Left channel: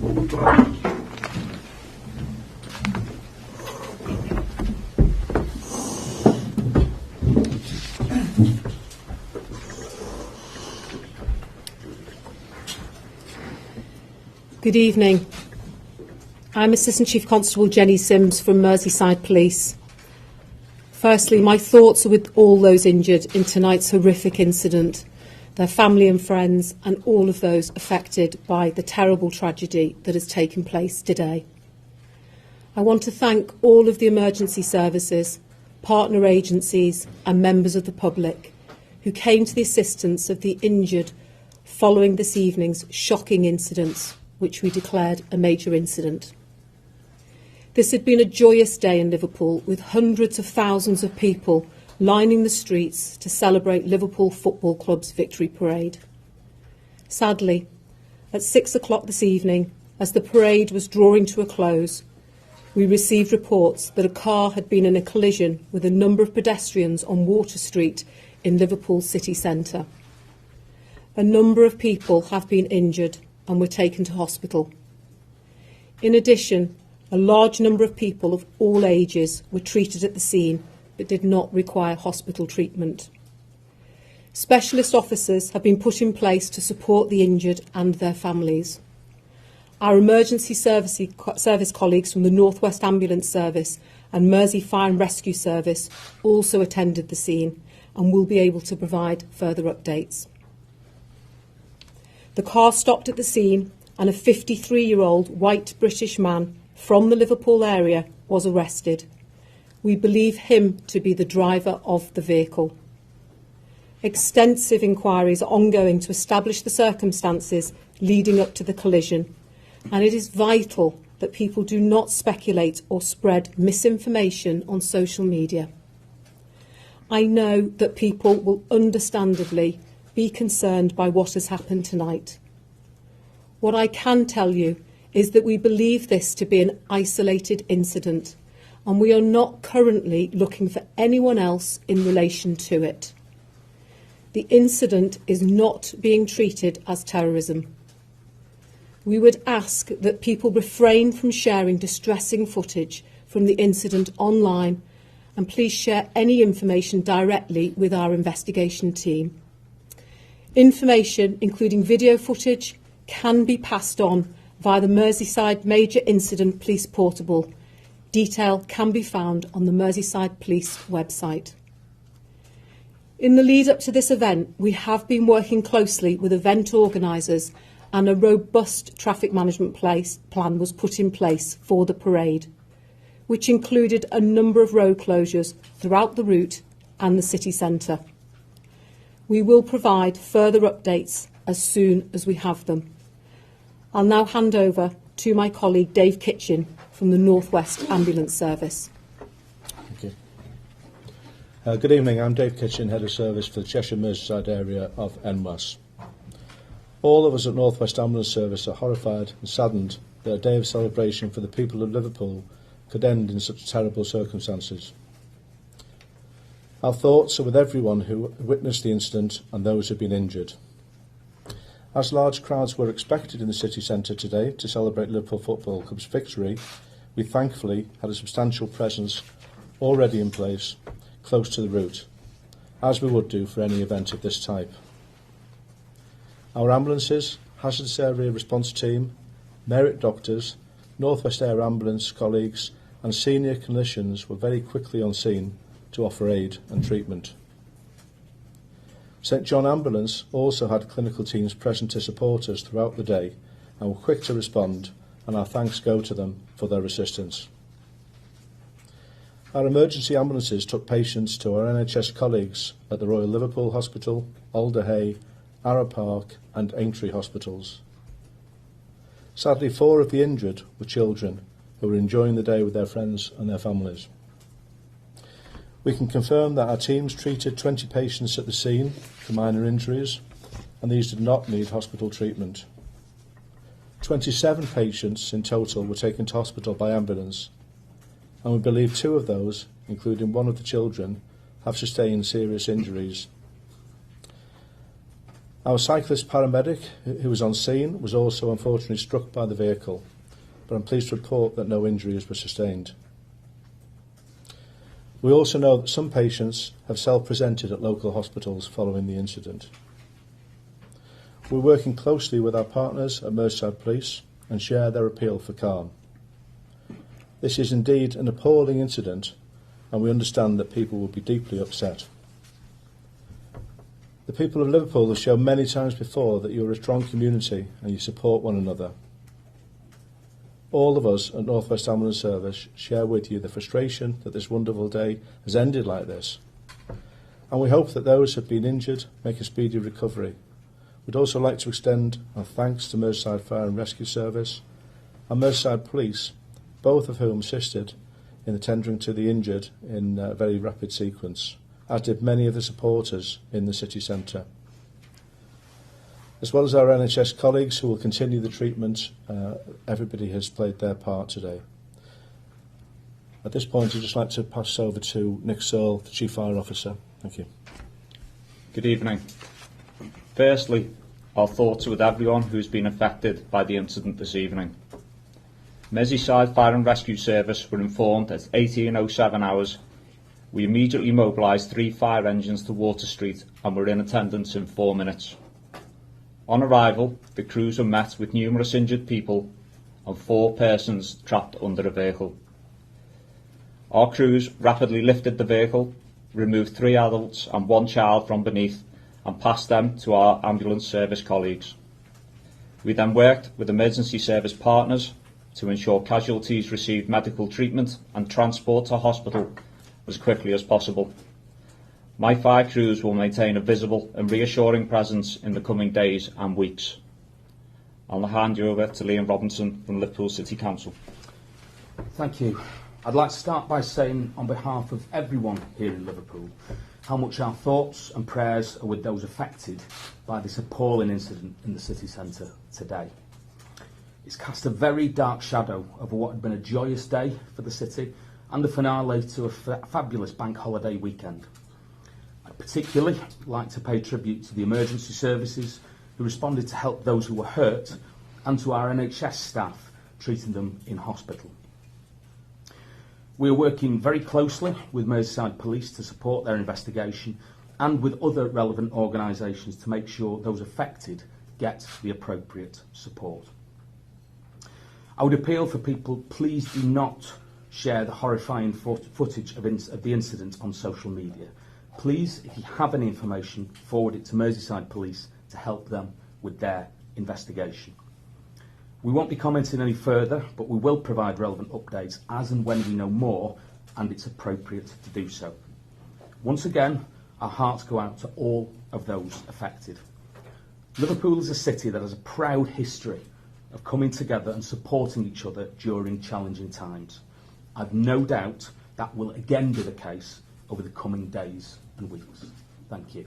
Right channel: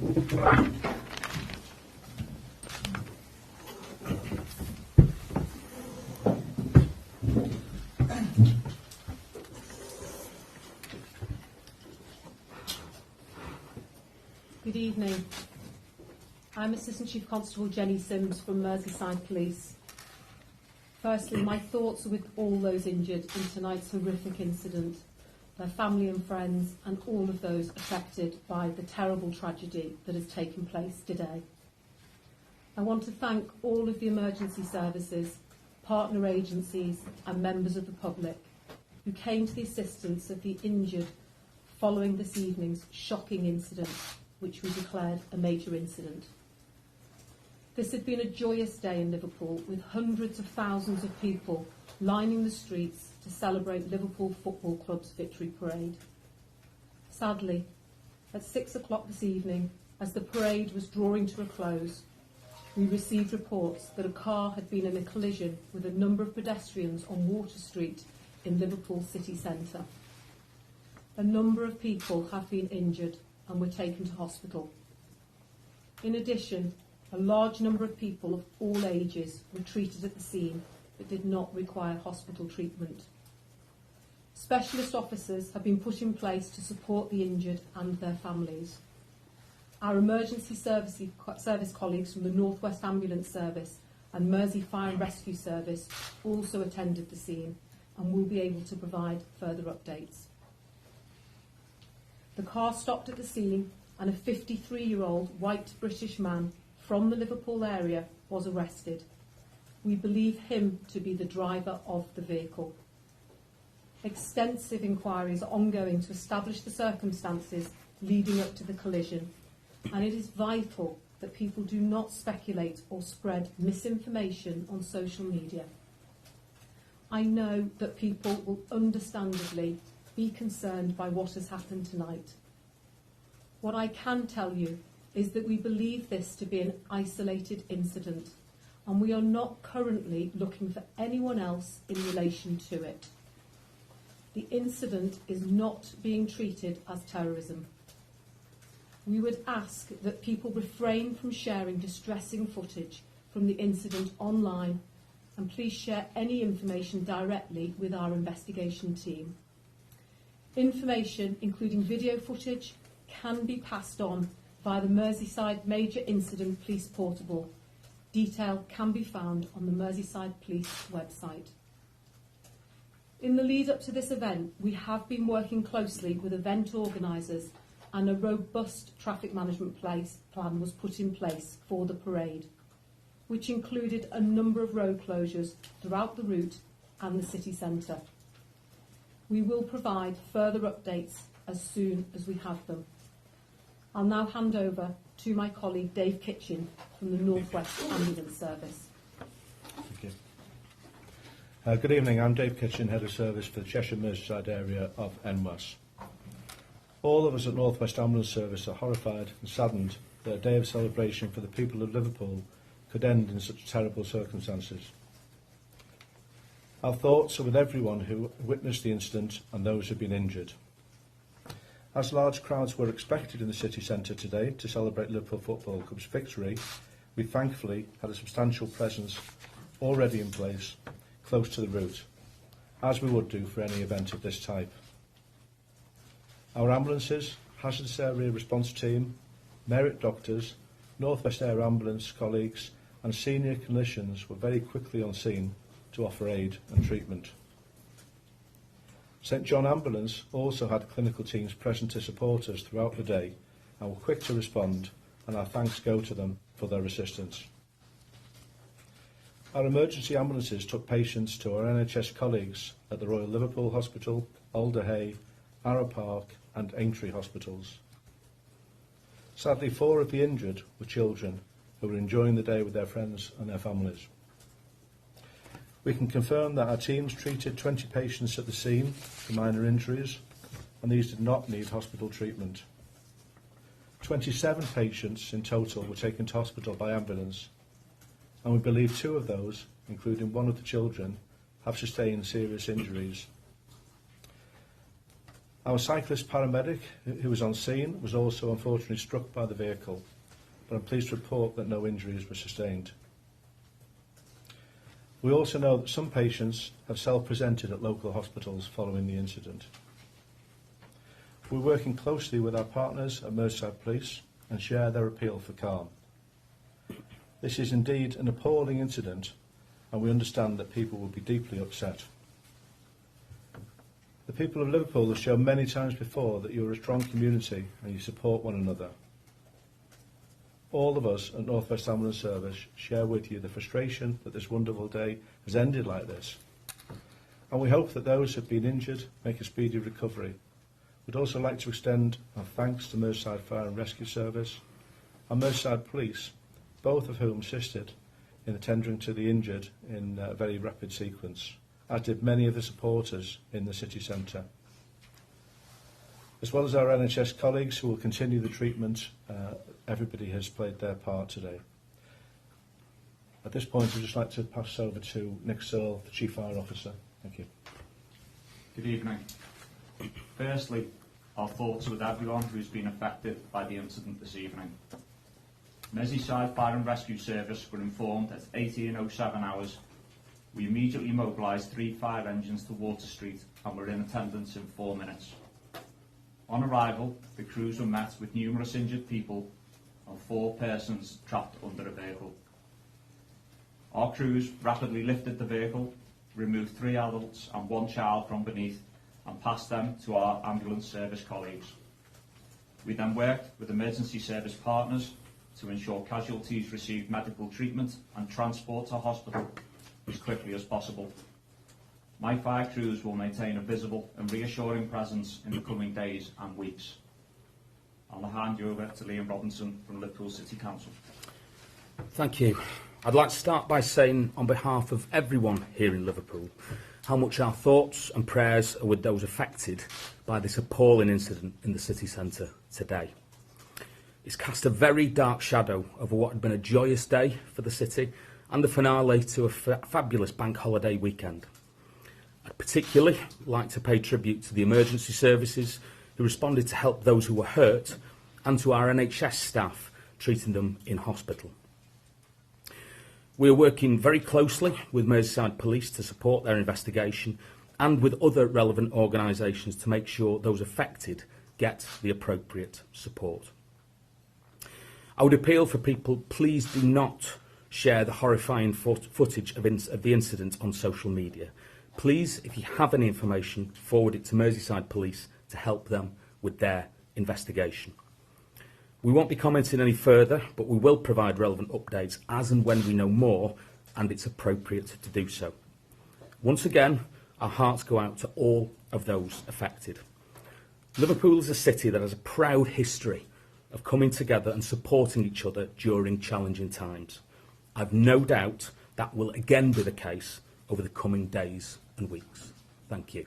Good evening. I'm Assistant Chief Constable Jenny Sims from Merseyside Police. Firstly, my thoughts are with all those injured in tonight's horrific incident, their family and friends, and all of those affected by the terrible tragedy that has taken place today. I want to thank all of the emergency services, partner agencies and members of the public who came to the assistance of the injured following this evening's shocking incidents, which we declared a major incident. This had been a joyous day in Liverpool, with hundreds of thousands of people lining the streets to celebrate Liverpool Football Club's victory parade. Sadly, at 6 o'clock this evening, as the parade was drawing to a close, we received reports that a car had been in a collision with a number of pedestrians on Water Street in Liverpool city centre. A number of people have been injured and were taken to hospital. In addition, a large number of people of all ages were treated at the scene but did not require hospital treatment. Specialist officers have been put in place to support the injured and their families. Our emergency service colleagues from the North West Ambulance Service and Mersey Fire and Rescue Service also attended the scene and will be able to provide further updates. The car stopped at the scene and a 53-year-old white British man from the Liverpool area was arrested. We believe him to be the driver of the vehicle. Extensive inquiries are ongoing to establish the circumstances leading up to the collision, and it is vital that people do not speculate or spread misinformation on social media. I know that people will understandably be concerned by what has happened tonight. What I can tell you is that we believe this to be an isolated incident, and we are not currently looking for anyone else in relation to it. The incident is not being treated as terrorism. We would ask that people refrain from sharing distressing footage from the incident online, and please share any information directly with our investigation team. Information, including video footage, can be passed on via the Merseyside Major Incident Police Portable. Detail can be found on the Merseyside Police website. In the lead up to this event, we have been working closely with event organisers, and a robust traffic management plan was put in place for the parade, which included a number of road closures throughout the route and the city centre. We will provide further updates as soon as we have them. I'll now hand over to my colleague Dave Kitchen from the North West Ambulance Service. Thank you. Good evening, I'm Dave Kitchen, Head of Service for the Cheshire Merseyside area of NWAS. All of us at North West Ambulance Service are horrified and saddened that a day of celebration for the people of Liverpool could end in such terrible circumstances. Our thoughts are with everyone who witnessed the incident and those who have been injured. As large crowds were expected in the city centre today to celebrate Liverpool Football Club's victory, we thankfully had a substantial presence already in place close to the route, as we would do for any event of this type. Our ambulances, hazardous area response team, merit doctors, North West Air Ambulance colleagues and senior clinicians were very quickly on scene to offer aid and treatment. St John Ambulance also had clinical teams present to support us throughout the day and were quick to respond, and our thanks go to them for their assistance. Our emergency ambulances took patients to our NHS colleagues at the Royal Liverpool Hospital, Alder Hey, Arrow Park and Aintree hospitals. Sadly, 4 of the injured were children who were enjoying the day with their friends and their families. We can confirm that our teams treated 20 patients at the scene for minor injuries, and these did not need hospital treatment. 27 patients in total were taken to hospital by ambulance, and we believe 2 of those, including one of the children, have sustained serious injuries. Our cyclist paramedic, who was on scene, was also unfortunately struck by the vehicle, but I'm pleased to report that no injuries were sustained. We also know that some patients have self-presented at local hospitals following the incident. We're working closely with our partners at Merseyside Police and share their appeal for calm. This is indeed an appalling incident, and we understand that people will be deeply upset. The people of Liverpool have shown many times before that you are a strong community and you support one another. All of us at North West Ambulance Service share with you the frustration that this wonderful day has ended like this, and we hope that those who have been injured make a speedy recovery. We'd also like to extend our thanks to Merseyside Fire and Rescue Service and Merseyside Police, both of whom assisted in attending to the injured in a very rapid sequence, as did many of the supporters in the city centre. As well as our NHS colleagues who will continue the treatment, everybody has played their part today. At this point, I'd just like to pass over to Nick Searle, the Chief Fire Officer. Thank you. Good evening. Firstly, our thoughts are with everyone who has been affected by the incident this evening. Merseyside Fire and Rescue Service were informed at 18:07 hours. We immediately mobilised 3 fire engines to Water Street and were in attendance in 4 minutes. On arrival, the crews were met with numerous injured people and 4 persons trapped under a vehicle. Our crews rapidly lifted the vehicle, removed 3 adults and 1 child from beneath and passed them to our ambulance service colleagues. We then worked with emergency service partners to ensure casualties received medical treatment and transport to hospital as quickly as possible. My 5 crews will maintain a visible and reassuring presence in the coming days and weeks. I'll now hand you over to Liam Robinson from Liverpool City Council. Thank you. I'd like to start by saying, on behalf of everyone here in Liverpool, how much our thoughts and prayers are with those affected by this appalling incident in the city centre today. It's cast a very dark shadow over what had been a joyous day for the city and the finale to a fabulous bank holiday weekend. I'd particularly like to pay tribute to the emergency services who responded to help those who were hurt and to our NHS staff treating them in hospital. We are working very closely with Merseyside Police to support their investigation and with other relevant organisations to make sure those affected get the appropriate support. I would appeal for people, please do not share the horrifying footage of the incident on social media. Please, if you have any information, forward it to Merseyside Police to help them with their investigation. We won't be commenting any further, but we will provide relevant updates as and when we know more and it's appropriate to do so. Once again, our hearts go out to all of those affected. Liverpool is a city that has a proud history of coming together and supporting each other during challenging times. I've no doubt that will again be the case over the coming days and weeks. Thank you.